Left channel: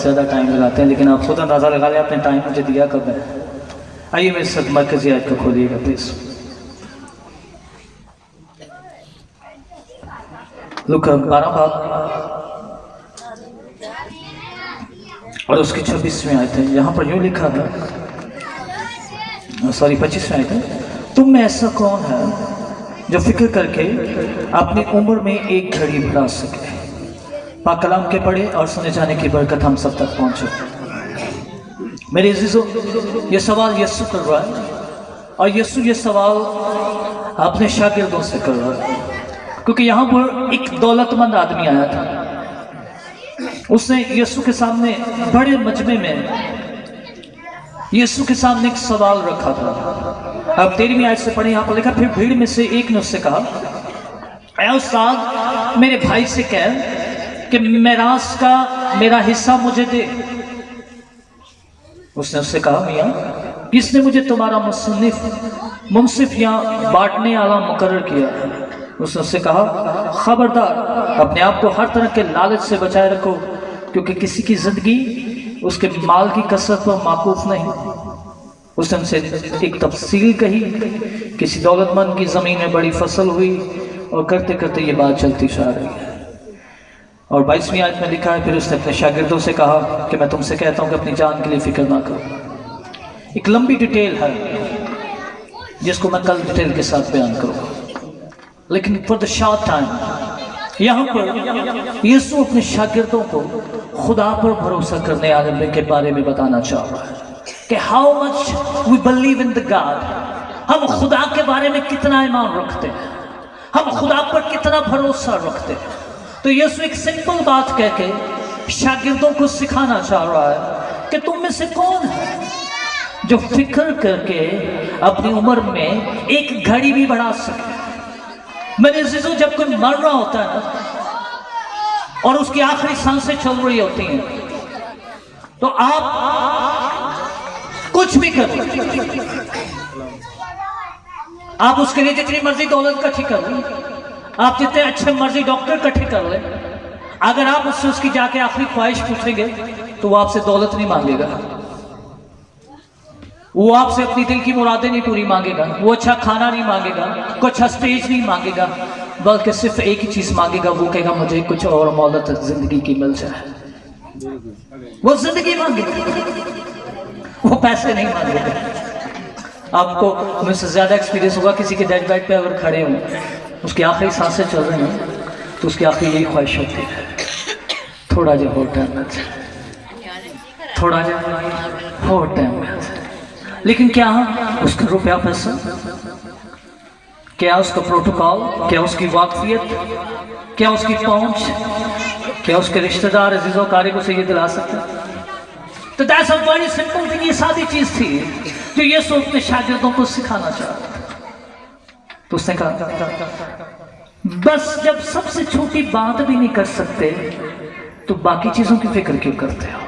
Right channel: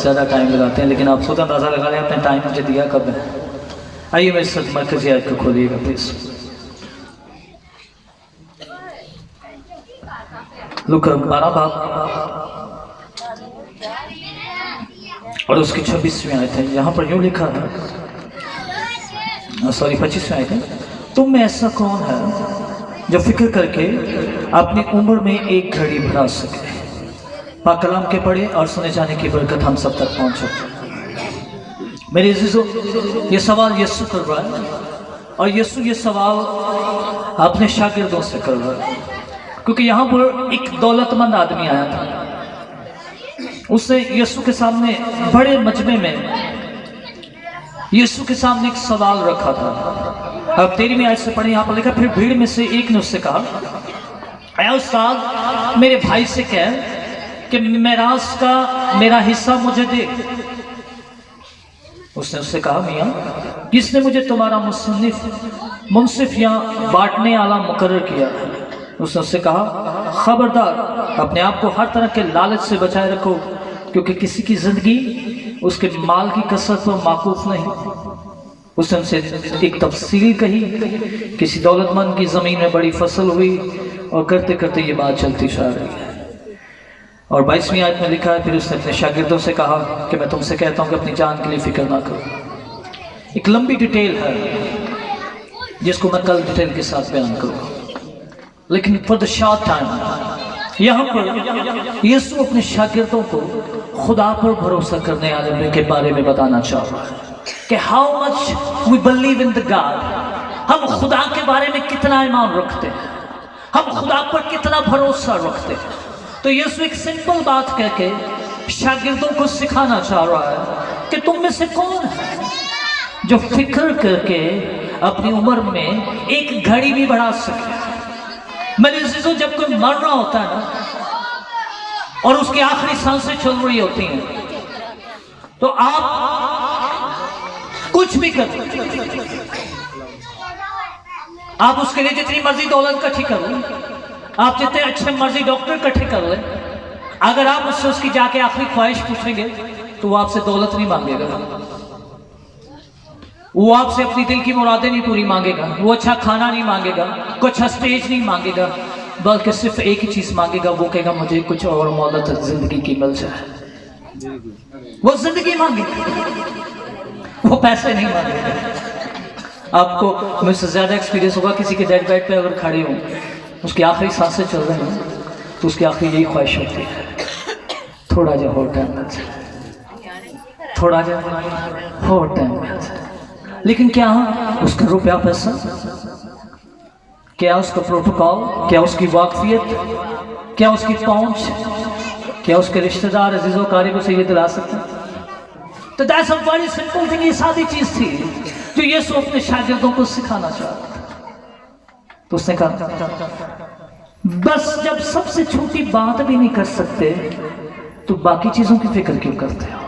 ज़्यादा टाइम लगाते हैं, लेकिन आप खुद अंदाज़ा लगा लें अपने टाइम मुझे दिया कब है। आइए मेरे साथ मरकज़ी आयत को खोलिएगा प्लीज़। लूका 12 बाब और उसकी 26वीं आयत है। यहाँ पर यूँ लिखा है, सॉरी 25वीं आयत है, तुम में ऐसा कौन है जो फिक्र करके अपनी उम्र में एक घड़ी बढ़ा सके। पाक कलाम के पढ़े और सुने जाने की बरकत हम सब तक पहुँचे। मेरे अज़ीज़ों, ये सवाल यीशु कर रहा है और यीशु ये सवाल अपने शागिर्दों से कर रहा है, क्योंकि यहाँ पर एक दौलतमंद आदमी आया था। उसने यीशु के सामने बड़े मजमे में यीशु के सामने एक सवाल रखा था। अब 13वीं आयत से पढ़े, यहाँ पर लिखा, फिर भीड़ में से एक ने उससे कहा, ऐ उस्ताद, मेरे भाई से कह कि मेरास का मेरा हिस्सा मुझे दे। उसने उससे कहा, मियाँ, किसने मुझे तुम्हारा मुंसिफ या बांटने वाला मुकर्रर किया? उसने उससे कहा, खबरदार, अपने आप को हर तरह के लालच से बचाए रखो, क्योंकि किसी की जिंदगी उसके माल की कसरत पर माकूफ नहीं। उसने उनसे एक तफसील कही, किसी दौलतमंद की ज़मीन में बड़ी फसल हुई और करते करते ये बात चलती जा रही है। और 22वीं आयत में लिखा है, फिर उसने अपने शागिर्दों से कहा कि मैं तुमसे कहता हूँ कि अपनी जान के लिए फिक्र ना करो। एक लंबी डिटेल है जिसको मैं कल डिटेल के साथ बयान करूँगा, लेकिन फॉर द शॉर्ट टाइम यहाँ पर यीशु अपने शागिर्दों को खुदा पर भरोसा करने वाले के बारे में बताना चाह रहा है कि how much we believe in the God. हम खुदा के बारे में कितना ईमान रखते हैं, हम खुदा पर कितना भरोसा रखते हैं। तो यीशु एक सिंपल बात कह के शागिर्दों को सिखाना चाह रहा है कि तुम में से कौन है जो फिक्र करके अपनी उम्र में एक घड़ी भी बढ़ा सके। मेरे अज़ीज़ों, जब कोई मर रहा होता है ना और उसकी आखिरी सांसें चल रही होती हैं, तो आप कुछ भी करो, आप उसके लिए जितनी मर्जी दौलत इकट्ठी कर लें, आप जितने अच्छे मर्जी डॉक्टर इकट्ठे कर लें, अगर आप उससे उसकी जाके आखिरी ख्वाहिश पूछेंगे तो वो आपसे दौलत नहीं मांगेगा, वो आपसे अपनी दिल की मुरादें नहीं पूरी मांगेगा, वो अच्छा खाना नहीं मांगेगा, कोई अच्छा स्टेज नहीं मांगेगा, बल्कि सिर्फ एक ही चीज़ मांगेगा, वो कहेगा मुझे कुछ और मौलत जिंदगी की मिल जाए। वो जिंदगी मांगेगा, वो पैसे नहीं मांगेगा। आपको मुझसे ज़्यादा एक्सपीरियंस होगा, किसी के डेड बेड पे अगर खड़े हों, उसकी आखिरी सांसें चल रही हैं, तो उसकी आखिरी यही ख्वाहिश होती है, थोड़ा जो हो टाइम मिल जाए, थोड़ा जो हो टाइम मिल जाए। लेकिन क्या उसका रुपया पैसा, क्या उसका प्रोटोकॉल, क्या उसकी वाकफियत, क्या उसकी पहुंच, क्या उसके रिश्तेदार अजीज़ों कारिब उसे ये दिला सकते? तो that's a very simple thing. ये सादी चीज़ थी जो यीशु अपने शागिर्दों को सिखाना चाहता था। तो उसने कहा, बस जब सबसे छोटी बात भी नहीं कर सकते तो बाकी चीज़ों की फिक्र क्यों करते हो?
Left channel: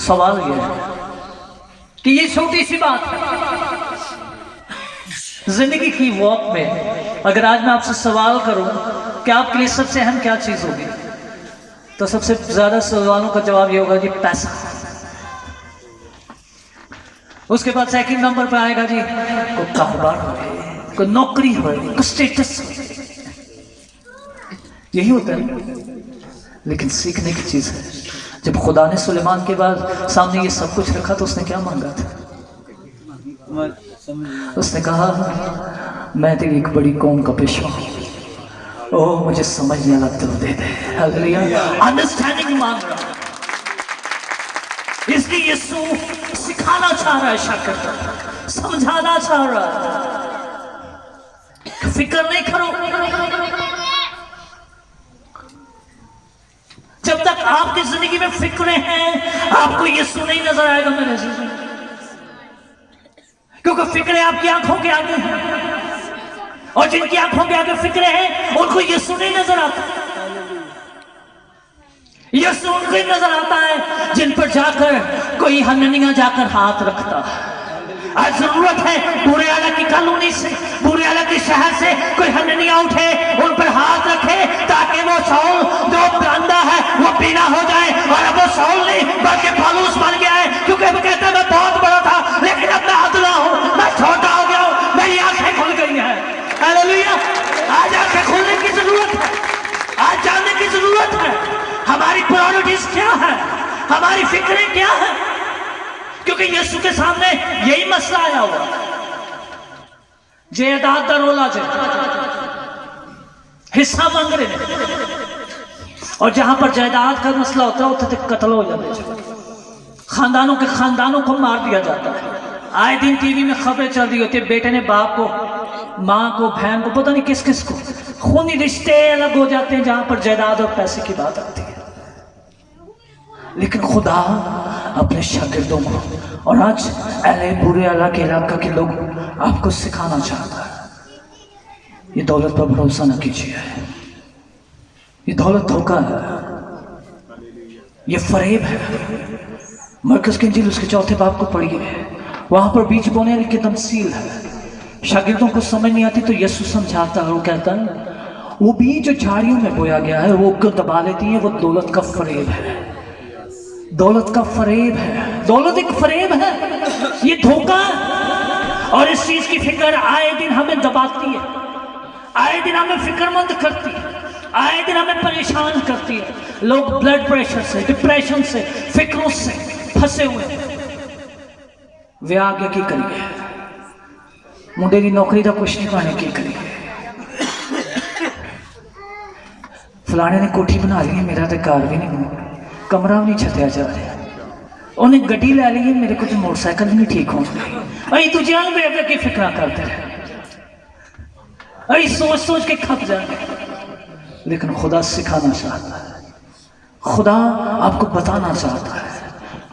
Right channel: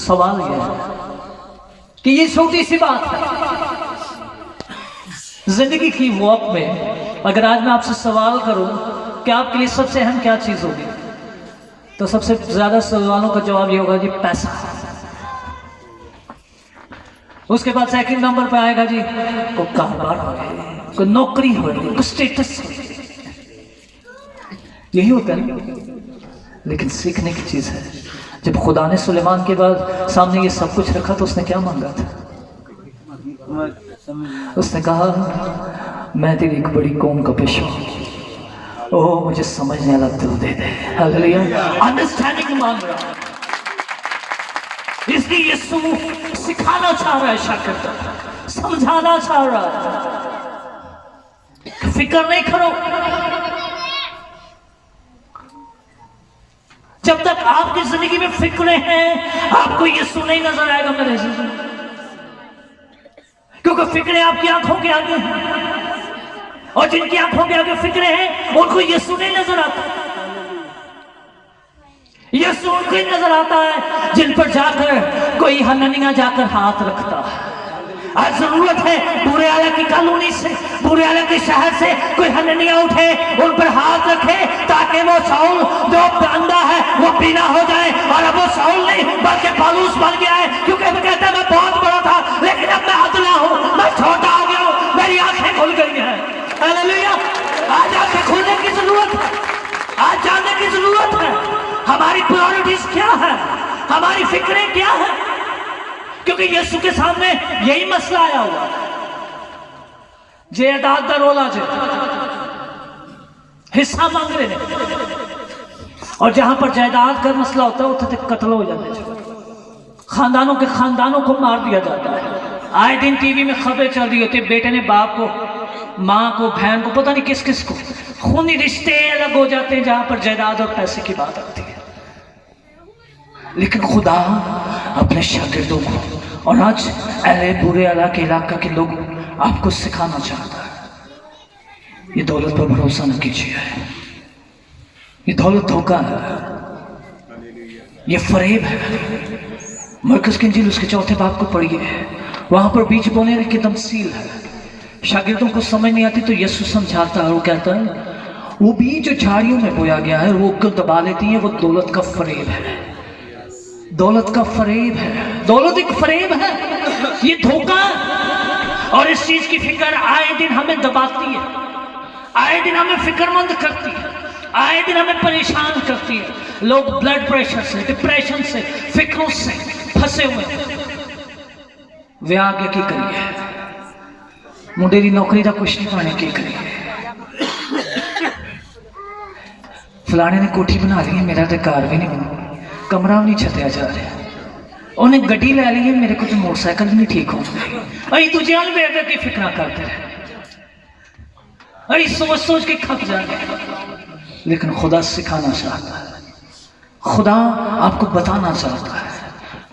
सवाल यह है कि ये छोटी सी बात है जिंदगी की वॉक में। अगर आज मैं आपसे सवाल करूं कि आपके लिए सबसे अहम क्या चीज होगी, तो सबसे ज्यादा सवालों का जवाब ये होगा जी पैसा। उसके बाद सेकंड नंबर पे आएगा जी कोई कारोबार हो, कोई नौकरी हो, कोई स्टेटस हो, यही होता है। लेकिन सीखने की चीज है, जब खुदा ने सुलेमान के बाद सामने ये सब कुछ रखा तो उसने क्या मांगा था? उसने कहा, मैं तेरी एक बड़ी कौम का पेशवा हूं, ओह मुझे समझने वाला दिल दे दे। हालेलुया, अंडरस्टैंडिंग मांग रहा है। इसलिए यीशु सिखाना चाह रहा है, शागिर्द समझाना चाह रहा है, फिक्र नहीं करो। जब तक आपकी जिंदगी में फिक्रें हैं, आपको यीशु नहीं नजर आएगा मेरे से, क्योंकि फिक्रें आपकी आंखों के आगे हैं, और जिनकी आंखों के आगे फिक्रें हैं उनको यीशु नहीं नजर आता। यीशु उनको ही नजर आता है जिन पर जाकर कोई हननिया जाकर हाथ रखता है। आज जरूरत है बुरे आला की कॉलोनी से, बुरे आला के शहर से कोई हननिया उठे, उन पर हाथ रखे, ताकि वो शाऊल जो अंधा है वो बीना हो जाए और अब वो ہماری پرائورٹیز کیا ہے، ہماری فکریں کیا ہیں، کیونکہ یسوع کے سامنے یہی مسئلہ آیا ہوا ہے. جائیداد دا رولا حصہ مانگ رہے ہیں، اور جہاں پر جائیداد کا مسئلہ ہوتا ہے اتنے تک قتل ہو جاتے ہیں، خاندانوں کو مار دیا جاتا ہے. آئے دن ٹی وی میں خبریں چل رہی ہوتی ہے، بیٹے نے باپ کو، ماں کو، بہن کو، پتہ نہیں کس کس کو، خونی رشتے الگ ہو جاتے ہیں جہاں پر جائیداد اور پیسے کی بات آتی ہے. لیکن خدا اپنے شاگردوں کو اور آج اہل برے اعلیٰ کے علاقہ کے لوگ آپ کو سکھانا چاہتا ہے، یہ دولت پر بھروسہ نہ کیجیے، یہ دولت دھوکہ ہے، یہ فریب ہے. مرکز کی انجیل اس کے 4 باب کو پڑھیے، وہاں پر بیج بونے والی کی تمثیل ہے. شاگردوں کو سمجھ نہیں آتی تو یسوع سمجھاتا ہے، وہ کہتا ہے وہ بیج جو جھاڑیوں میں بویا گیا ہے وہ کو دبا لیتی ہے، وہ دولت کا فریب ہے. دولت کا فریب ہے، دولت ایک فریب ہے، یہ دھوکہ ہے. اور اس چیز کی فکر آئے دن ہمیں دباتی ہے، آئے دن ہمیں فکر مند کرتی ہے، آئے دن ہمیں پریشان کرتی ہے. لوگ بلڈ پریشر سے، ڈپریشن سے، فکروں سے پھنسے ہوئے ہیں. وہ آگے کی کریے، منڈے دی نوکری دا کچھ نہیں پانے کی کریے. فلانے نے کوٹھی بنا لی ہے، میرا تو کار بھی نہیں بنا، کمرہ بھی نہیں چھتیا جا رہا. انہیں گڈی لے لی ہے، میرے کو تو موٹر سائیکل بھی نہیں ٹھیک ہو. ائی تجھے ہم بے بے کی فکرہ کرتے رہے، ائی سوچ سوچ کے کھپ جانے. لیکن خدا سکھانا چاہتا ہے، خدا آپ کو بتانا چاہتا ہے.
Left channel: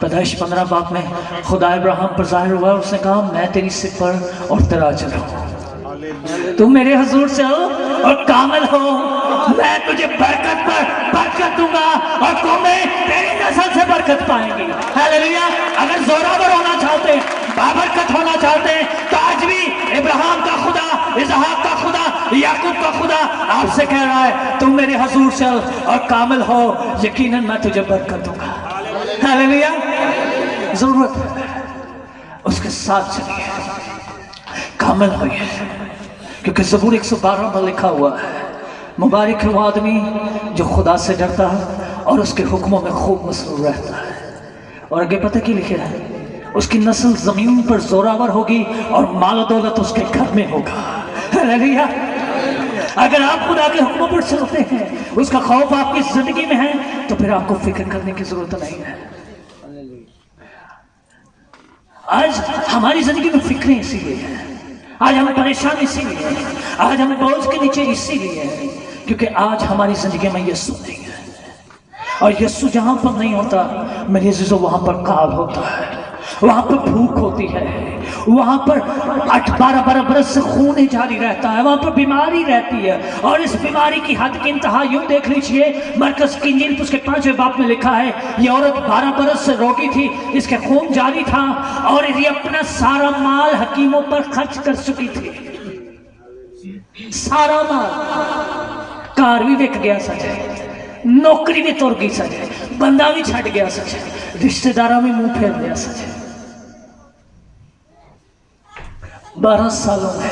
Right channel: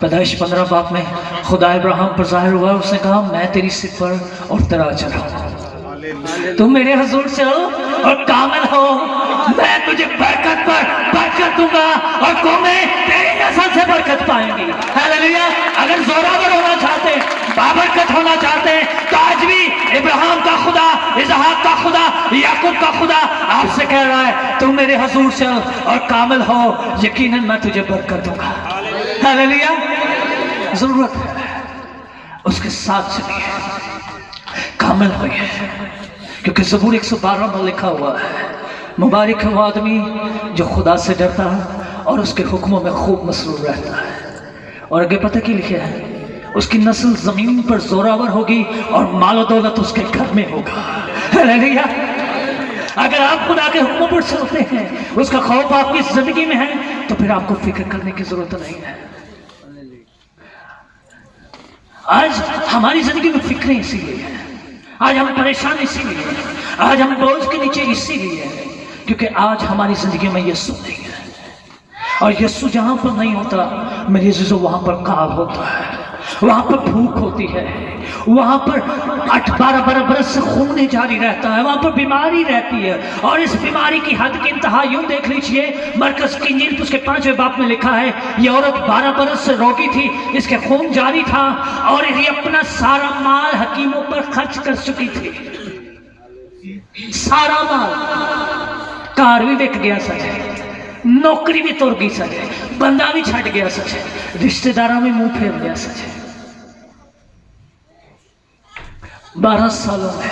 پیدائش 15 باب میں خدا ابراہیم پر ظاہر ہوا، اس نے کہا میں تیری سپر اور تراج رہوں، تم میرے حضور سے ہو اور کامل ہو، میں تجھے برکت پر برکت دوں گا اور قومیں تیری نسل سے برکت پائیں گی. ہاللیلویا. اگر زوراور ہونا چاہتے ہیں، بابرکت ہونا چاہتے ہیں تو آج بھی ابراہیم کا خدا، اسحاق کا خدا، یعقوب کا خدا آپ سے کہہ رہا ہے تم میرے حضور سے ہو اور کامل ہو، یقیناً میں تجھے برکت دوں گا. ہاللیلویا. ضرورت ہے اس کے ساتھ چلیے، کامل ہوئیے، کیونکہ زبور 112 میں لکھا ہوا ہے مبارک ہے وہ آدمی جو خدا سے ڈرتا ہے اور اس کے حکموں میں خوب مسرور رہتا ہے. اور آگے پتہ کی لکھا ہے، اس کی نسل زمین پر زوراور ہوگی اور مال و دولت اس کے گھر میں ہوگا. ہاللیلویا. اگر آپ خدا کے حکموں پر چلتے ہیں، اس کا خوف آپ کی زندگی میں ہے، تو پھر آپ کو فکر کرنے کی ضرورت نہیں ہے. آج ہماری زندگی میں فکریں اسی لیے ہیں، آج ہم پریشان اسی لیے ہیں، آج ہم بوجھ کے نیچے اسی لیے ہیں کیونکہ آج ہماری زندگی میں یسوع نہیں ہے. اور یسوع جہاں پر نہیں ہوتا میرے عزیزو، وہاں پر کال ہوتا ہے، وہاں پر بھوک ہوتی ہے، وہاں پر 12 برس سے خون جاری رہتا ہے، وہاں پر بیماری رہتی ہے. اور اس بیماری کی حد کی انتہا یوں دیکھ لیجئے، مرکز کی انجیل اس کے 5ویں باب میں لکھا ہے یہ عورت 12 برس سے روگی تھی، اس کے خون جاری تھا اور یہ اپنا سارا مال حکیموں پر خرچ کر چکی تھی. سارا مال، کار بھی بک گیا سچے، نوکری بھی توڑ گئی سچے، بندہ بھی چھٹ گیا سچے، رشتہ داروں میں منہ پھیر گیا سچے. 12 سالوں میں،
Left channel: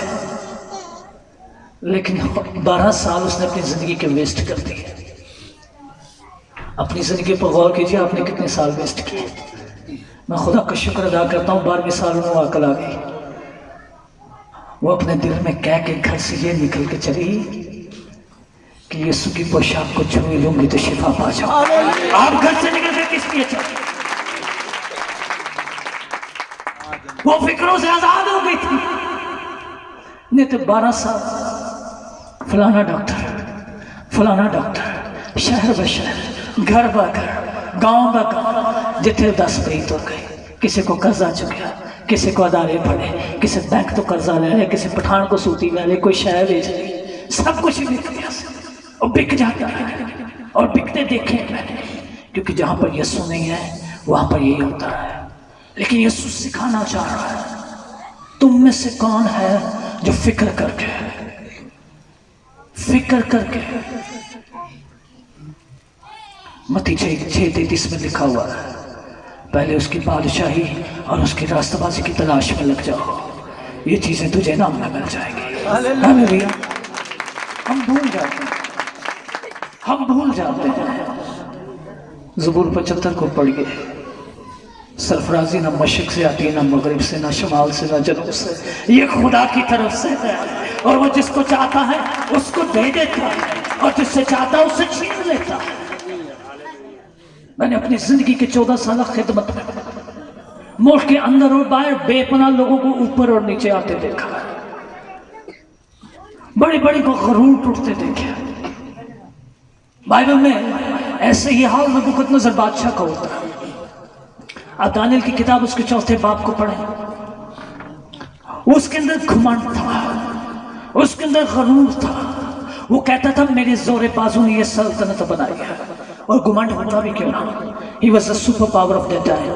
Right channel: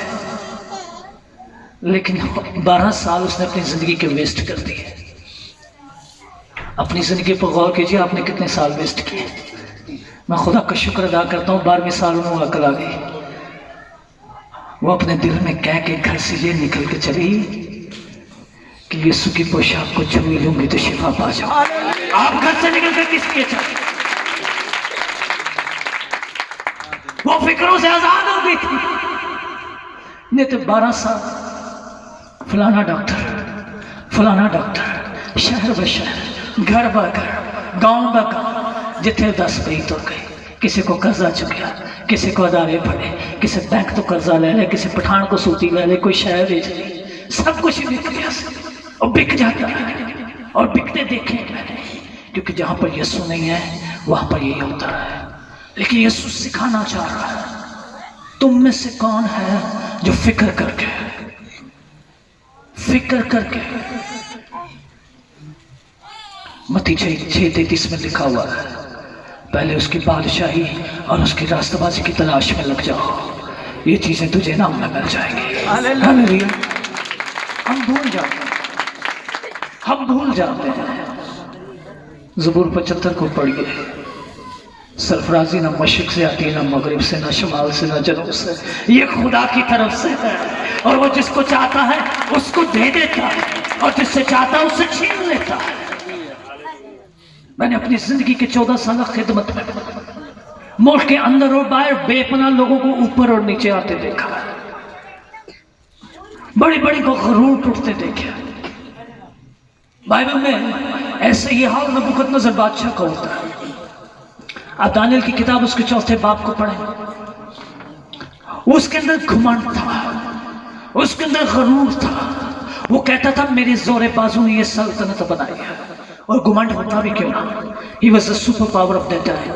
لیکن 12 سال اس نے اپنی زندگی کے ویسٹ کر دیے. اپنی زندگی پر غور کیجئے، آپ نے کتنے سال ویسٹ کیے. میں خدا کا شکر ادا کرتا ہوں 12ویں سال میں وہ عقل آ گئی. وہ اپنے دل میں کہہ کے گھر سے یہ نکل کے چلی کہ یسوع کی پوشاک کو چھوئی لوں گی تو شفا پا جاؤں. آپ گھر سے نکل کے کس لیے چلے؟ وہ فکروں سے آزاد ہو گئی تھی. نہیں تو 12 سال فلانا ڈاکٹر، شہر بشہر، گھر با گھر، گاؤں با گاؤں، جتنے 10 پہ ہی تو گئے. کسی کو قرضہ چکیا، کسی کو ادارے پڑے، کسی بینک تو قرضہ لے لے، کسی پٹھان کو سوتی لے لے، کوئی شہر بیچ لی. سب کچھ بک گیا اور بک جاتا ہے اور بکتے دیکھیں میں نے، کیونکہ جہاں پر یسوع نہیں ہے وہاں پر یہی ہوتا ہے. لیکن یسوع سکھانا چاہ رہا ہے تم میں سے کون ہے جو فکر کر کے متی 6:33 میں لکھا ہوا ہے پہلے اس کی بادشاہی اور اس کی راستہ بازی کی تلاش میں لگ جاؤ، یہ چیزیں تجھے نام میں مل جائیں گی. ہاللیلویا. ہم بھول جاتے ہیں. ज़बूर 75 को पढ़िए। सरफराजी ना मशरिक से आती है, ना मगरिब से, ना शुमाल से, ना जनूब से, ये खुदा की तरफ से है। और वो जिसको चाहता है उसको दे देता है, और जिससे चाहता है उससे छीन लेता है। मैंने अपनी जिंदगी के 14 साल खिदमत में मुल्क के अंदर और बाहर बेपनाह लोगों को ऊपर और नीचे आते देखा, बड़े बड़े को गरूर टूटते देखे। बाइबल में ऐसे ही हाल नबूकदनेस्सर बादशाह का होता है। आप दानियल की किताब उसके 4 बाब को पढ़ें। उसके अंदर घमंड था, उसके अंदर गरूर था। वो कहता था मेरे जोरे बाजू ने ये सल्तनत बनाई है, और घमंड होता भी क्यों ना। He was the super power of that time.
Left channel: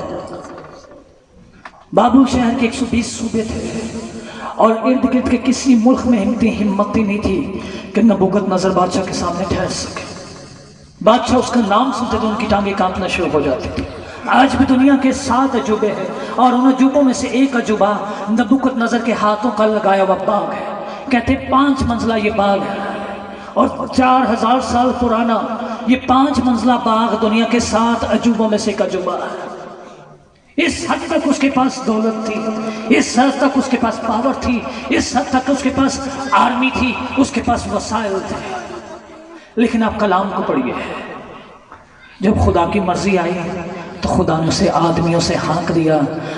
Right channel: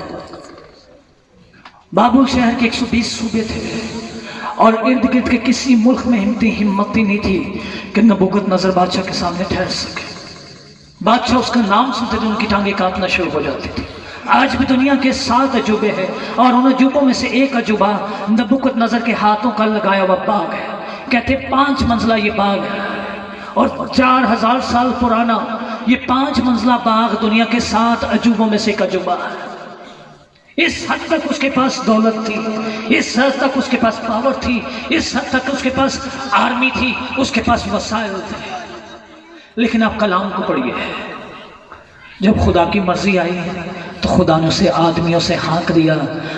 बाबुल शहर के 120 सूबे थे, और इर्द गिर्द के किसी मुल्क में हिम्मत ही नहीं थी कि नबूकदनेस्सर बादशाह के सामने ठहर सके। बादशाह उसका नाम सुनते तो उनकी टांगें कांपना शुरू हो जाती थी। आज भी दुनिया के 7 अजूबे हैं, और उन अजूबों में से एक अजूबा नबूकदनेस्सर के हाथों का लगाया हुआ बाग है। कहते 5 मंजिला ये बाग है, और 4000 साल पुराना ये 5 मंजिला बाग दुनिया के 7 अजूबों में से एक अजूबा है। इस हद तक उसके पास दौलत थी, इस हद तक उसके पास पावर थी, इस हद तक उसके पास आर्मी थी, उसके पास वसाइल थे। लेकिन आप कलाम को पढ़िए। जब खुदा की मर्जी आई तो खुदा ने उसे आदमियों से हाँक दिया,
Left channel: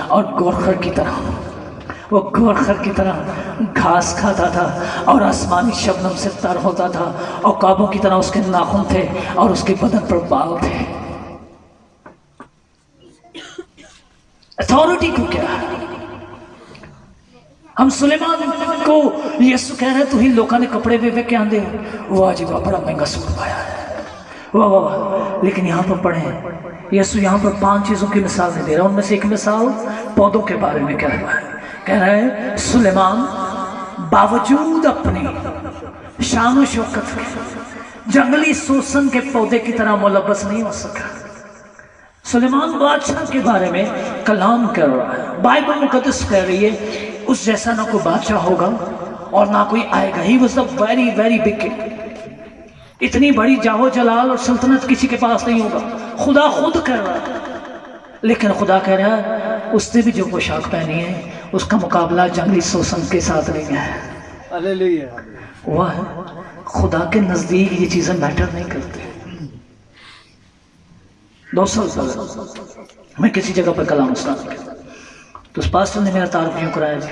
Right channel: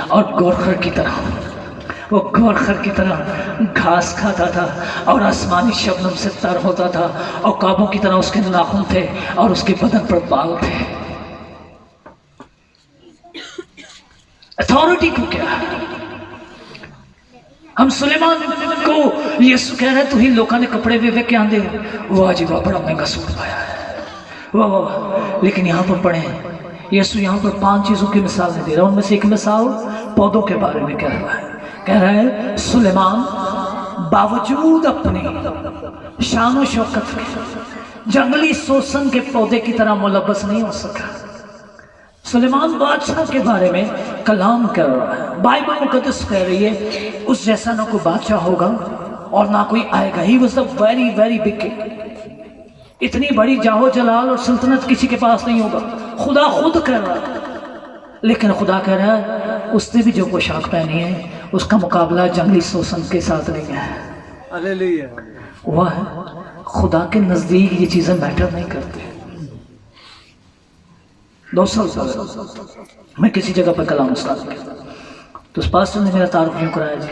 और गोरखर की तरह, वो गोरखर की तरह घास खाता था, और आसमानी शबनम से तर होता था, और काबों की तरह उसके नाखून थे, और उसके बदन पर बाल थे। अथॉरिटी को क्या है? हम सुलेमान को यीशु कह रहे तू ही लोगों ने कपड़े वे क्या आंदे हो, वाह जी वाह बड़ा महंगा सूट पाया है, वाह वाह वाह। लेकिन यहाँ पर पढ़े यीशु यहाँ पर 5 चीज़ों की मिसाल दे रहा है। उनमें से एक मिसाल पौधों के बारे में कह रहा है। कह रहा है सुलेमान बावजूद अपनी शान व शौकत के जंगली शोषण के पौधे की तरह मुलव्वस नहीं हो सका। सुलेमान बादशाह के बारे में कलाम कर रहा है। बाइबल मुकद्दस कह रही है उस जैसा ना कोई बादशाह होगा और ना कोई आएगा। ही was the very very big king. इतनी बड़ी जाहो जलाल और सल्तनत किसी के पास नहीं होगा। खुदा खुद कह रहा है, लेकिन खुदा कह रहा है उसने भी जो पोशाक पहनी है उसका मुकाबला जंगली शोषण के साथ नहीं है। हालेलुया। वह खुदा के नज़दीक ये चीज़ें मैटर नहीं करती। 2 साल पहले मैं किसी जगह पर कलाम स्टार्ट किया तो उस पास्टर ने मेरा तारुफ यूँ कराया, जी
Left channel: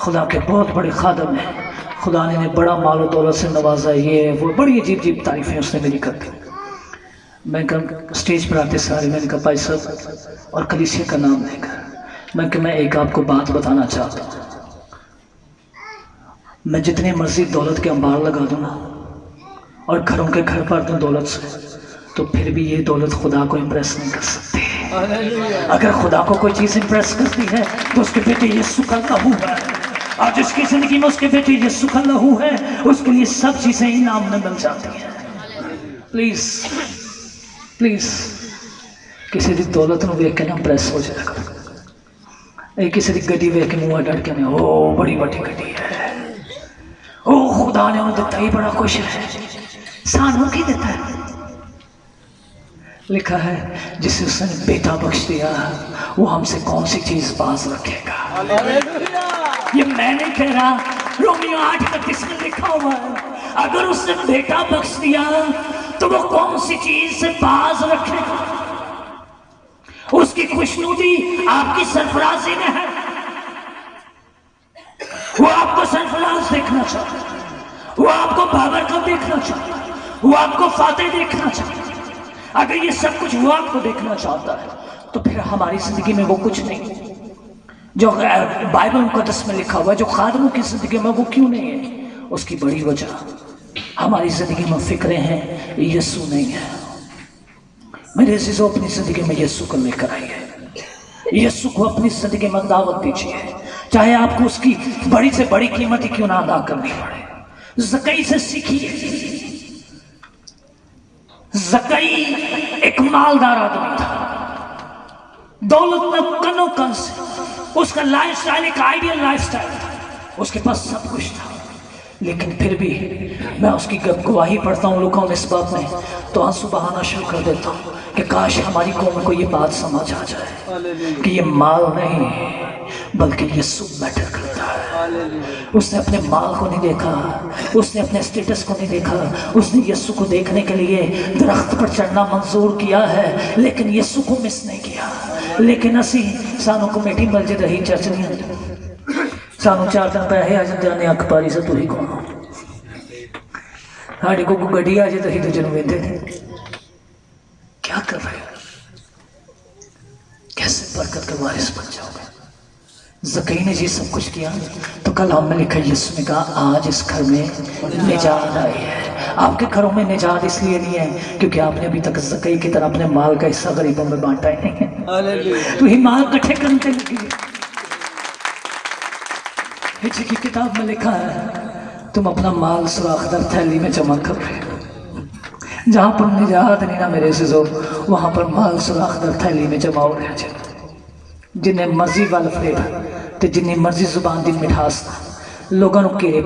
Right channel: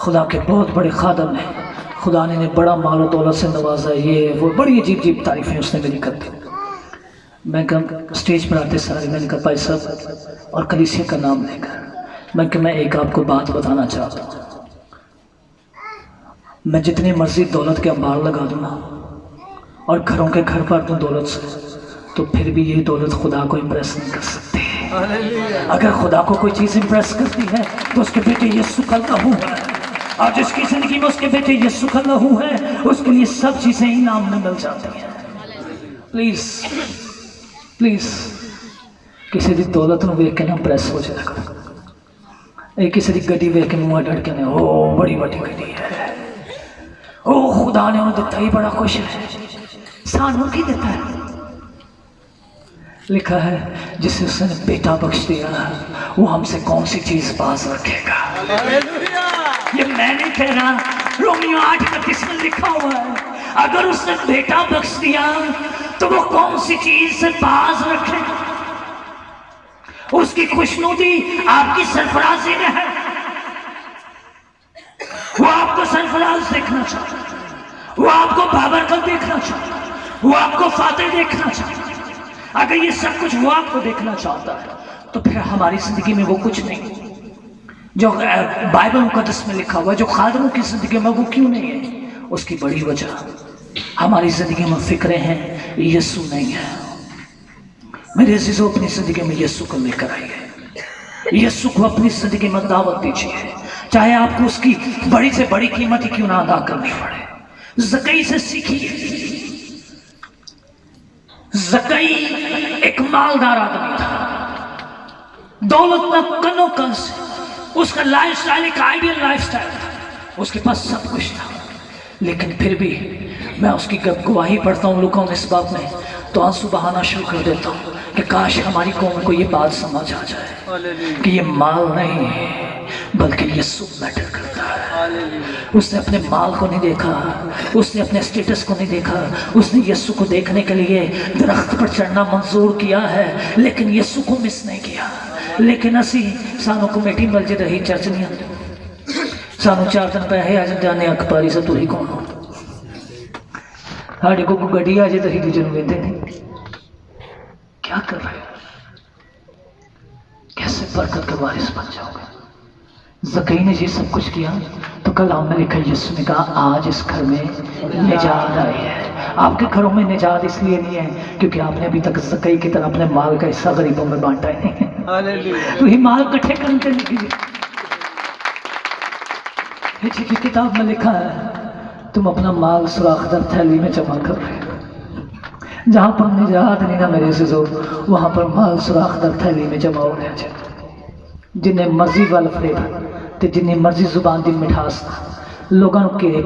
खुदा के बहुत बड़े खादम हैं, खुदा ने बड़ा माल और दौलत से नवाजा, ये वो बड़ी अजीब अजीब तारीफें उसने मेरी कर दी। मैं कहा स्टेज पर आते सारे मैंने कहा भाई साहब और कलीसिया का नाम लेकर मैं मैं एक आपको बात बताना चाहता हूँ। मैं जितने मर्जी दौलत के अंबार लगा दूँ ना और घरों के घर भर दूँ दौलत से, तो फिर भी ये दौलत खुदा को इम्प्रेस नहीं कर सकती। अगर खुदा को कोई चीज़ इम्प्रेस करती है तो उसके बेटे यीशु का लहू है, और जिसकी जिंदगी में उसके बेटे यीशु का लहू है उसके लिए सब चीज़ें इनाम में मिल जाती हैं। प्लीज़ प्लीज़ किसी दी दौलत में वेख के ना इम्प्रेस हो जाएगा। किसी की गड्डी वेख के मुँह डर के ना ओ बड़ी बड़ी गड्डी है, ओ खुदा ने उन्हें दिता ही बड़ा खुश है, सानू की देता है। लिखा है जिसे उसने बेटा बख्श दिया वो हमसे कौन सी चीज बाज रखेगा। ये मैं नहीं कह रहा, रोमियो 8:31 में लिखा हुआ है अगर उसने बेटा बख्श दिया तो वो कौन सी चीज से बाज रखेगा। उसकी खुशनुदी आपकी सरफराजी में है। वो आपको सरफराज देखना चाहता है, वो आपको बाबरकत देखना चाहता है, वो आपको फातेह देखना चाहता है। अगर ये सब कुछ वो आपको देखना चाहता है तो फिर हमारी जिंदगी में वो कुछ नहीं जो बाइबल मुकद्दस में लिखा हुआ है, जो खादमों की जिंदगी में वो क्यों नहीं है। उसकी बड़ी वजह हमारी जिंदगी में फिक्रें हैं, यीशु नहीं है। मेरे अजीजों अपनी जिंदगी में यीशु को लेकर आइए, यीशु को अपनी जिंदगी में दावत दीजिए, चाहे आपको उसकी बड़ी से बड़ी कीमत ही क्यों ना अदा करनी पड़े। ज़कई से सीखिए। ज़कई एक मालदार आदमी था, दौलत में कनो कंस, उसका लाइफ स्टाइल एक आइडियल लाइफ स्टाइल था, उसके पास सब कुछ था। लेकिन फिर भी मैं उसकी गवाही पढ़ता हूँ लूका 19 बाब में तो आंसू बहाना शुरू कर देता हूँ کہ کاش ہماری قوم کو یہ بات سمجھ آ جائے کہ یہ مال نہیں ہے بلکہ یسوع میٹر کرتا ہے۔ اس نے اپنے مال کو نہیں دیکھا، اس نے اپنے اسٹیٹس کو نہیں دیکھا، اس نے یسوع کو دیکھنے کے لیے درخت پر چڑھنا منظور کیا ہے لیکن یسوع کو مس نہیں کیا۔ لیکن اسی سانو کمیٹی مل جے رہی چرچ نہیں، سانو 4 دن پیسے آ جانے اک پاری سے تو ہی کون ہو، ساڑے کو گڈی آ جائے تو ہی دوجے نوں ویندے نے۔ کیا کر رہے ہو؟ کیسے برکت کا وارث بن جاؤ گے؟ زکئی نے جی سب کچھ کیا تو کلام میں لکھا یسوع نے کہا آج اس گھر میں نجات آئی ہے۔ آپ کے گھروں میں نجات اس لیے نہیں ہے کیونکہ آپ نے ابھی تک زکئی کی طرح اپنے مال کا حصہ غریبوں میں بانٹا ہے۔ تو یہ مال کٹھے کرتے نہیں۔ پیچھے کی کتاب میں لکھا ہے تم اپنا مال سوراخ در تھیلی میں جمع کر رہے ہو۔ جہاں پر نجات نہیں نا میرے عزیزو، وہاں پر مال سوراخ در تھیلی میں جمع ہو رہا ہے۔ جنہیں مرضی وال فلیور تے جنہیں مرضی زبان دی مٹھاس لوگوں نے کیرے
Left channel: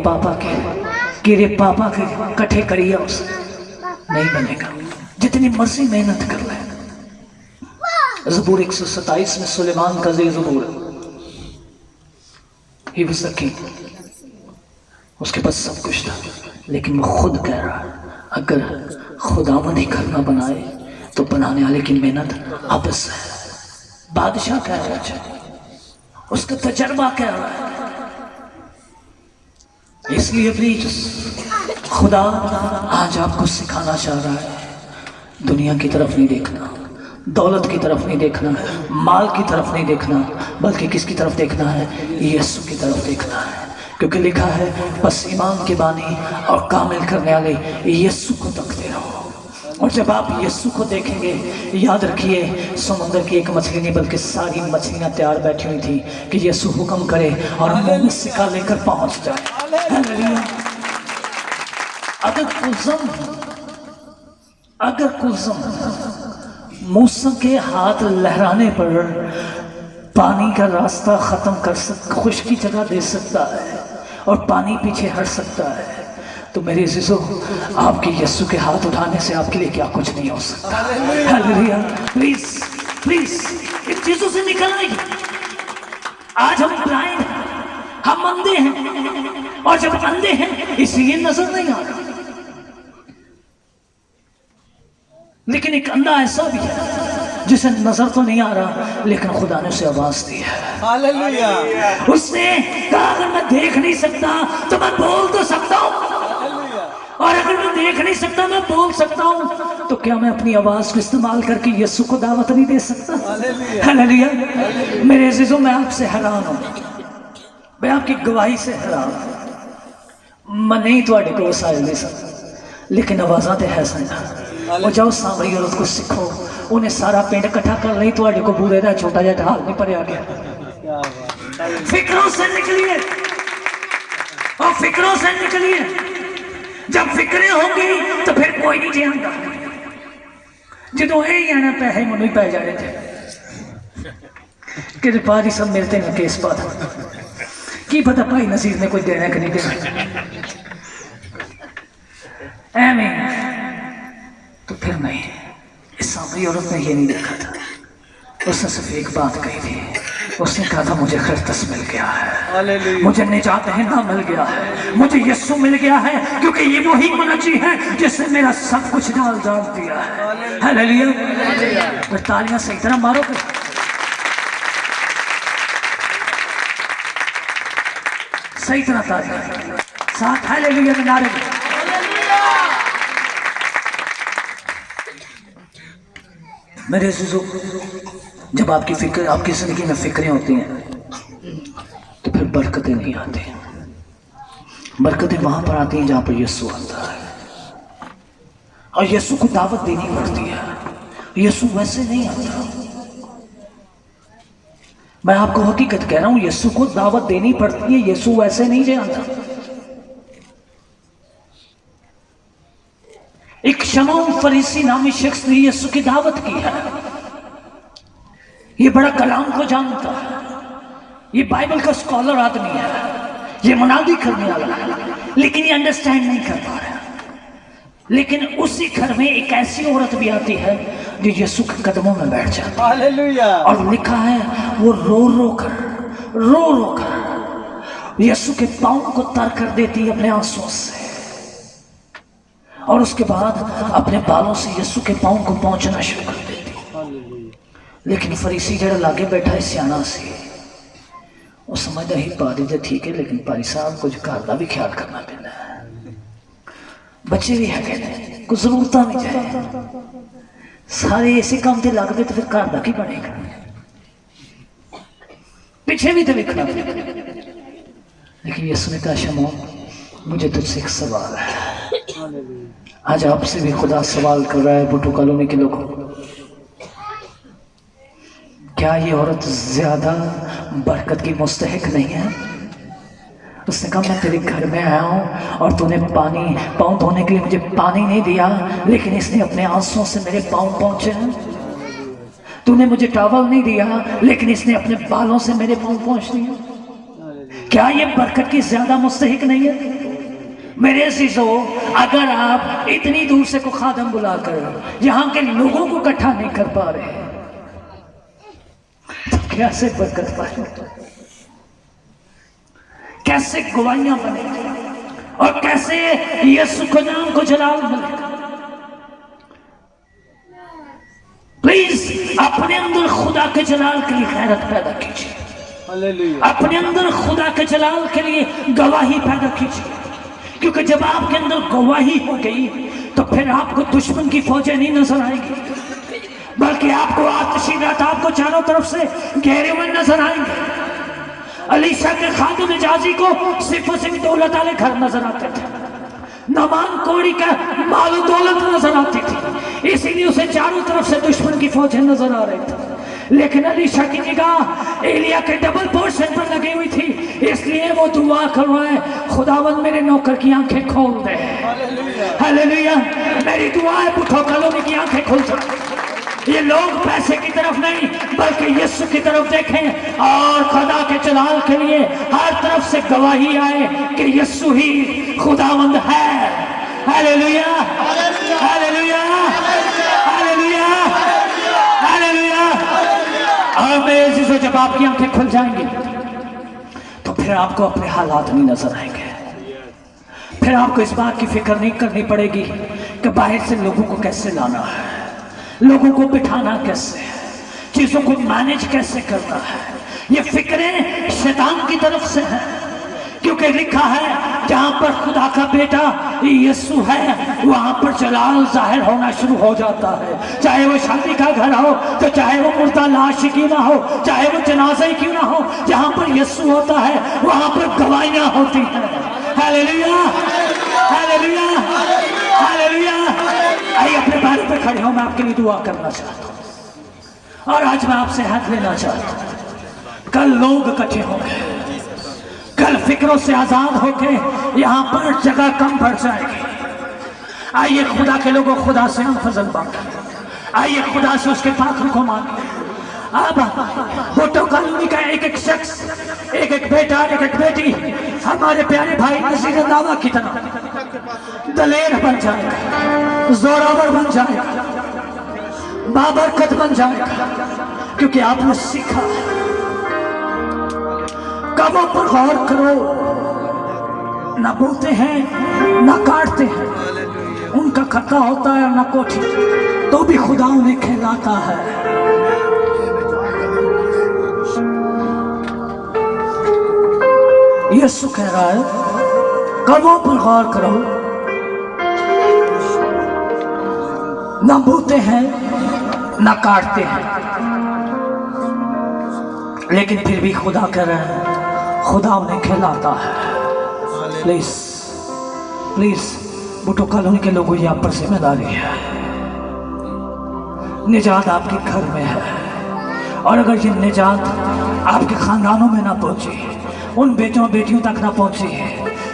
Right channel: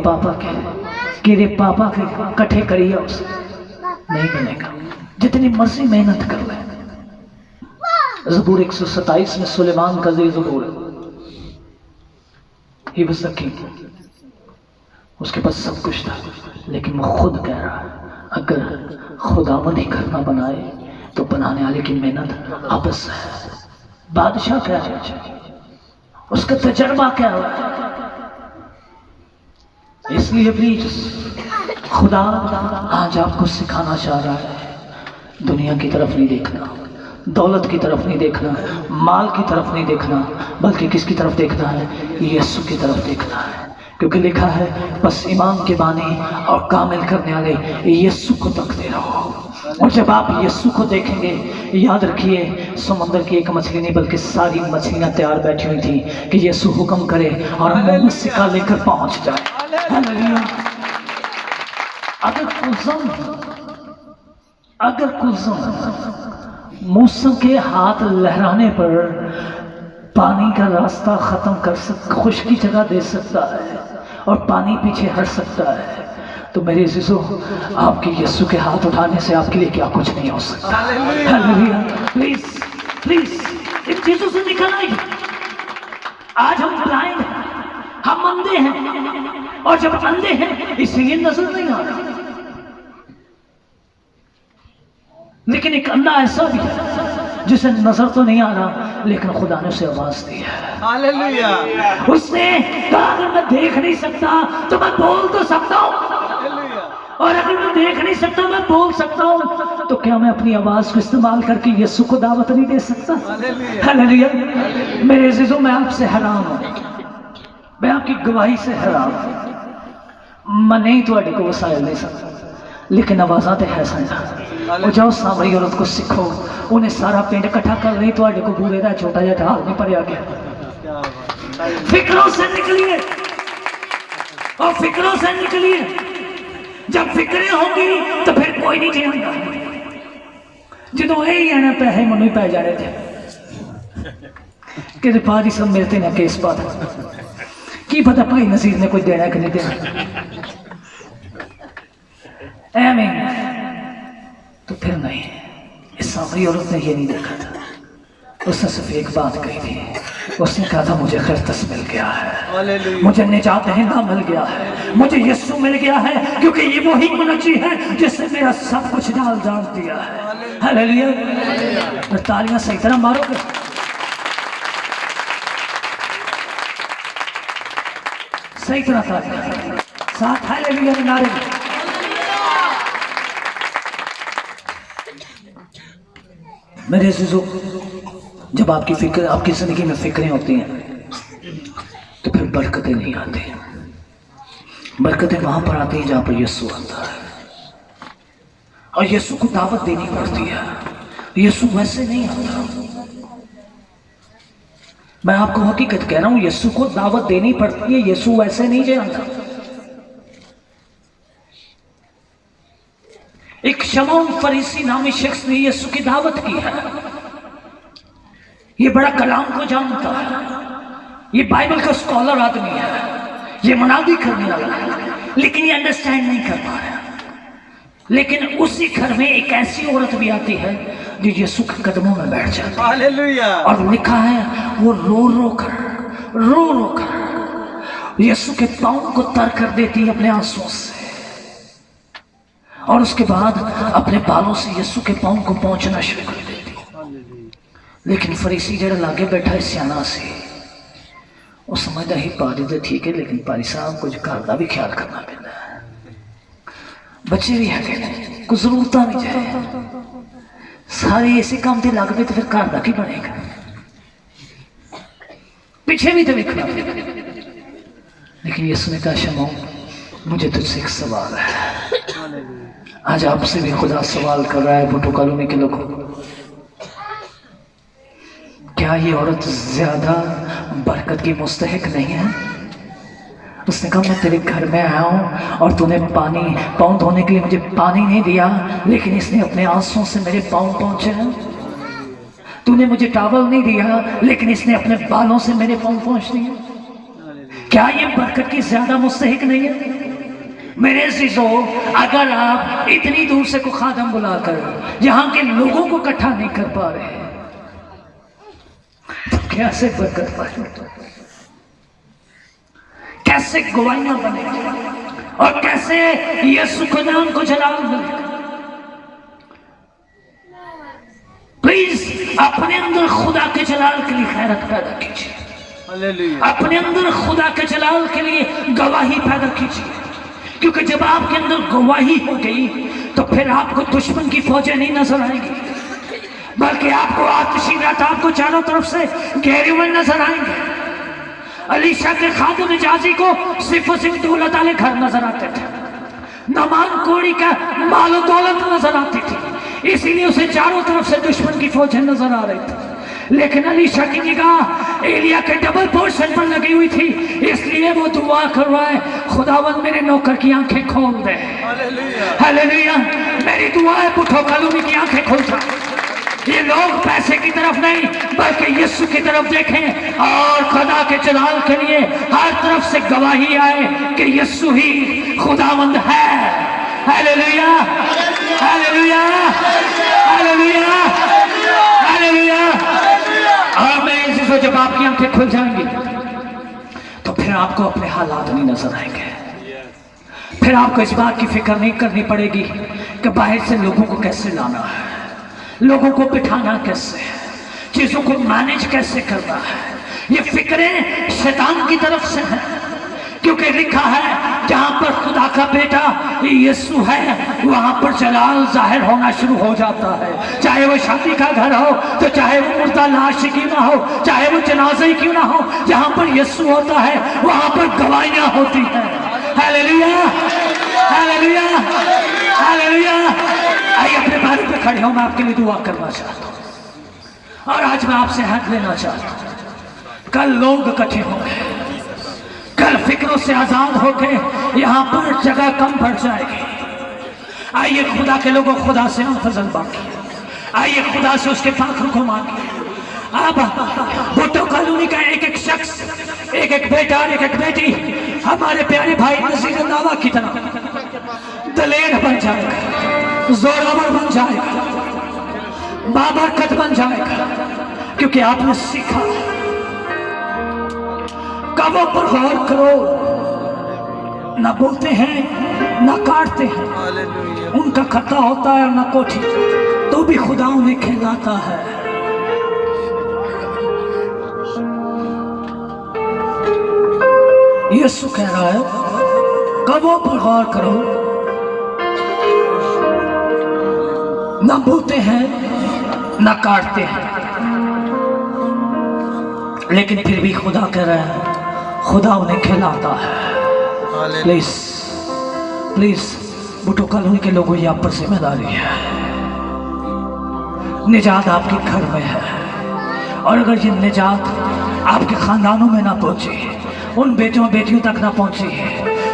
پاپا کے کٹھے کری ہے، اس نہیں ملے گا۔ جتنی مرضی محنت کر لے۔ زبور 127 میں سلیمان کا زبور، ہی واز دی کنگ، اس کے پاس سب کچھ تھا لیکن وہ خود کہہ رہا اگر خداوند ہی گھر نہ بنائے تو بنانے والے کی محنت آپس ہے۔ بادشاہ کہہ رہا ہے، اس کا تجربہ کیا ہوا، اس لیے پلیز خدا آج آپ کو سکھانا چاہ رہا ہے دنیا کی طرف نہیں دیکھنا، دولت کی طرف نہیں دیکھنا، مال کی طرف نہیں دیکھنا، بلکہ کس کی طرف دیکھنا ہے؟ یسوع کی طرف دیکھنا ہے، کیونکہ لکھا ہے بس ایمان کے بانی اور کامل کرنے والے یسوع کو تکتے رہو۔ اور جب آپ یسوع کو دیکھیں گے، یاد رکھیے سمندر کی ایک مچھلی نہیں بلکہ ساری مچھلیاں تیار بیٹھی ہوئی تھیں کہ یسوع حکم کرے اور منہ میں سکا لے کر پہنچ جائے۔ اگر کلزم موسم کے ہاتھ لہرانے پر پانی کا راستہ ختم کر خشکی جگہ دے سکتا ہے اور پانی پیچھے ہٹ سکتا ہے، تو میرے عزیزو آپ کی یسوع کے ہاتھ اٹھانے سے آپ کے لیے کیا کچھ نہیں ہو سکتا۔ ہاللیلویہ۔ پلیز پلیز ان چیزوں سے نکل نہیں۔ آج ہم بلائنڈ ہیں، ہم اندھے ہیں، اور جب اندھے ہیں اسی لیے نظر نہیں آ رہا، لیکن ایک اندھا ایسا بھی ہے جسے نظر تو نہیں آ رہا لیکن خدا نے اسے آواز دی ہے۔ ہاللیلویہ۔ اس نے کہا اگر میں دیکھ نہیں سکتا تو میں بول تو سکتا ہوں، اور اگر میں دیکھ نہیں سکتا میں بول سکتا ہوں، تو کیا میں اپنی آواز کو استعمال کر کے یسوع کو دعوت نہیں دے سکتا؟ ہاللیلویہ۔ میرے عزیزوں میں آپ سے حرام ہوں، میں آپ کی گواہی سے حرام ہوں، میں نہیں تواڈے کو وسائل دے سکتا لیکن آوازاں تے ہے سنجا۔ اور جاؤ سامری عورت کو سکھو، انہیں سارا پنڈ کٹھا کر نہیں تواڈے کو بورے دا چھوٹا جہا ڈھال نہیں پڑیا گیا۔ فکروں سے نکلیے اور فکروں سے نکلیے، جب فکریں ہوں گی تو پھر کوئی نہیں جیئں گا۔ جدوں یہی آنا پیسے منو ہی پہ جانے تھے کہ پاری سب ملتے نہ کیس پاتا، کی پتہ بھائی نصیر نے کچھ دینا ہے کہ نہیں دینا، ایمین۔ تو پھر نہیں، اس سامری عورت نے یہ نہیں دیکھا تھا، اس نے صرف ایک بات کہی تھی، اس نے کہا تھا مجھے خرطس مل گیا ہے، مجھے نجات دہندہ مل گیا ہے، مجھے یسوع مل گیا ہے، کیونکہ یہ وہی منجی ہے جس نے میرا سب کچھ ڈال جان دیا ہے۔ ہاللیلویہ۔ اور تالیاں صحیح طرح مارو گے، صحیح طرح تالیاں ساتھ ہاللیلویہ کے نعرے میں۔ میرے عزیزو جب آپ کی فکر، آپ کی زندگی میں فکریں ہوتی ہیں تو پھر برکتیں نہیں آتی، برکتیں وہاں پر آتی ہیں جہاں پر یسوع آتا ہے، اور یسوع کو دعوت دینی پڑتی ہے۔ یسوع ویسے نہیں آتا، میں آپ کو حقیقت کہہ رہا ہوں، یسوع کو دعوت دینی پڑتی ہے، یسوع ویسے نہیں جانتا۔ ایک شمعون فریسی نامی شخص نے یسوع کی دعوت کی ہے، یہ بڑا کلام کو جانتا ہے، یہ بائبل کا اسکالر آدمی ہے، یہ منادی کرنے والا ہے، لیکن یہ انڈرسٹینڈ نہیں کر پا رہا۔ لیکن اسی گھر میں ایک ایسی عورت بھی آتی ہے जो यीशु के कदमों में बैठ जाती है। हालेलुया। और लिखा है वो रो रो कर यीशु के पांव को तर कर देती है अपने आंसुओं से, और उसके बाद अपने बालों से यीशु के पांव को पहुंचना शुरू कर देती है। लेकिन फरीसी जरा लागे बैठा है सियाना से, वो समझदा ही पारी तो ठीक है, लेकिन पारी साहब कुछ घर का भी ख्याल करना पैंदा है, बच्चे भी है, कुछ जरूरत भी जाए, सारे इसी काम से लग पे तो फिर घर का की बनेगा, पीछे भी तो देखना। लेकिन यीशु ने कहा शमौन मुझे तुझसे एक सवाल है। आज आपसे भी खुदा सवाल कर रहा है भुट्टो कॉलोनी के लोगों, क्या ये औरत ज्यादा बरकत की मुस्तहिक नहीं है? उसने कहा मैं तेरे घर में आया हूँ और तूने पानी पाँव धोने के लिए मुझे पानी नहीं दिया, लेकिन इसने अपने आंसुओं से मेरे पाँव पहुँचे हैं। तूने मुझे टावल नहीं दिया, लेकिन इसने अपने बालों से मेरे पाँव पहुँच दिए। क्या ये बरकत की ज्यादा मुस्तहिक नहीं है? मेरे अजीजों, अगर आप इतनी दूर से को खादम बुलाकर यहाँ के लोगों को इकट्ठा नहीं कर पा रहे तो कैसे बरकत पाएंगे? कैसे गवाहियां बनेगी और कैसे यीशु के नाम को जलाल मिलेगा? प्लीज अपने अंदर खुदा के जलाल के लिए खैरत पैदा कीजिए, अपने अंदर खुदा के जलाल के लिए गवाही पैदा कीजिए, क्योंकि जब आपके अंदर गवाही हो गई तो फिर आपको दुश्मन की फौजें नहीं नजर आएगी, बल्कि आपको आतिशी रात आपको चारों तरफ से घेरे हुए नजर आएंगे। अलीशा के खादिम जाजी को सिर्फ और सिर्फ दौलत वाले घर नजर आते थे, नमान कोड़ी का मालो दौलत नजर आती थी, इसीलिए उसे चारों तरफ से दुश्मन की फौजें नजर आ रही थी। लेकिन अलीशा की निगाह एलिया के डबल पोर्शन पर लगी हुई थी, इसलिए वो दुआ कर रहा है, खुदावंद मेरे नौकर की आंखें खोल दे। हालेलुया। मेरी दुआ है भुट्टो कॉलोनी की आंखें खोल जाए, ये लोग पैसे की तरफ नहीं बल्कि यीशु की तरफ देखें और खुदा के जलाल के लिए हर तरफ से गवाही आए कि यीशु ही खुदावंद है। Hallelujah, hallelujah, hallelujah, hallelujah. और मेरे अजीजों, जब आपकी आंखें खुल जाएंगी तो फिर आपको अपने हालात नहीं नजर आएंगे, फिर आपको इस बात की फिक्र नहीं करनी पड़ेगी कि बाहर से लोगों को कैसे लाना है, लोगों को बिठाना कैसे, चीजों को मैनेज कैसे करना है। ये फिक्रें शैतान की तरफ से हैं, क्योंकि लिखा है जहां पर खुदा का बेटा यीशु है वहां पर जलाल जाहिर होना शुरू हो जाता है। चाहे वो शादी का घर हो, तो चाहे वो मुर्दा लाश क्यों ना हो, चाहे वो जनाजे क्यों ना हो, जहां पर यीशु होता है वहां पर गवाहियां होती हैं। Hallelujah, hallelujah, hallelujah. आइए अपने बारे पे खड़े हो, मैं आपके लिए दुआ करना चाहता हूं और आज मैं आपसे हाथ लेना चाहता हूं। कल लोग इकट्ठे होंगे, कल फिक्रों से आजाद होकर यहाँ पर जगह कम पड़ जाएगी। आइए खुदा के लोगों, खुदा से हम फजल मांगे, आइए खुदा से उसके पाखर को मांगे। अब भुट्टो कॉलोनी का एक एक शख्स, एक एक बेटा, एक एक बेटी हमारे प्यारे भाई नसीर दावा की तरह दलेर बन जाएगा, जोरावर बन जाएगा, बाबरकत बन जाएगा, क्योंकि आपने सीखा कामों पर गौर करो, ना बोलते हैं ना काटते हैं, उनका खत्ता होता है ना कोठी, तो भी खुदा उन्हें खिलाता है। यीशु कह रहा है कामों पर गौर करो, ना बोलते हैं ना काटते हैं, लेकिन फिर भी खुदा कह रहा है खुदा उन्हें खिलाता है। प्लीज प्लीज भुट्टो कॉलोनी के लोगों, ये आप पर जिम्मेदारी है, निजात आपके घर में है, और अगर ये निजात आपके खानदानों में ना पहुंची, उन बेटों बेटियों तक ना पहुंची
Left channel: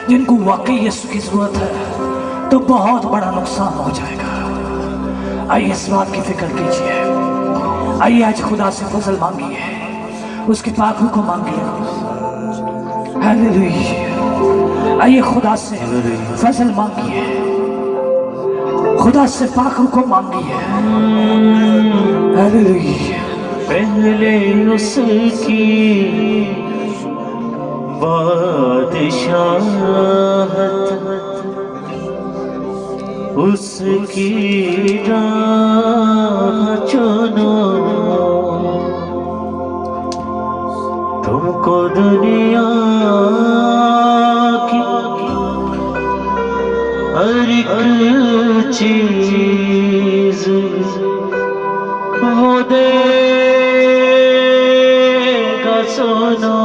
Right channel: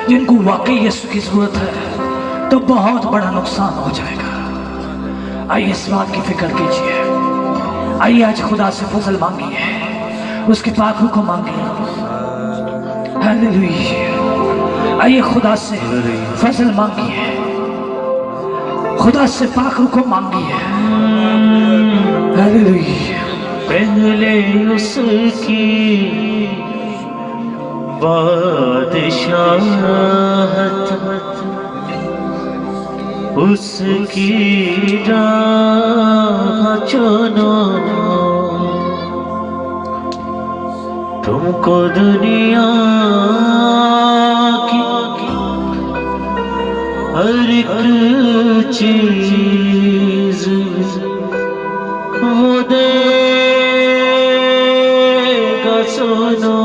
जिनको वाकई यीशु की जरूरत है, तो बहुत बड़ा नुकसान हो जाएगा। आइए इस बात की फिक्र कीजिए, आइए आज खुदा से फजल मांगिए, उसके पाखों को मांगिए। हालेलुया। आइए खुदा से फजल मांगिए, खुदा से पाक रुको मांगी है। हालेलुया। पहले उसकी बादशाहत, उसकी राह चुनो, तुमको दुनिया की हर एक चीज वो देगा सुनो,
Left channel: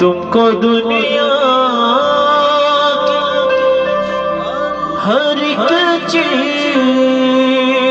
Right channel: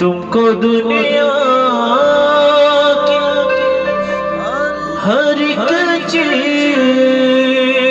तुमको दुनिया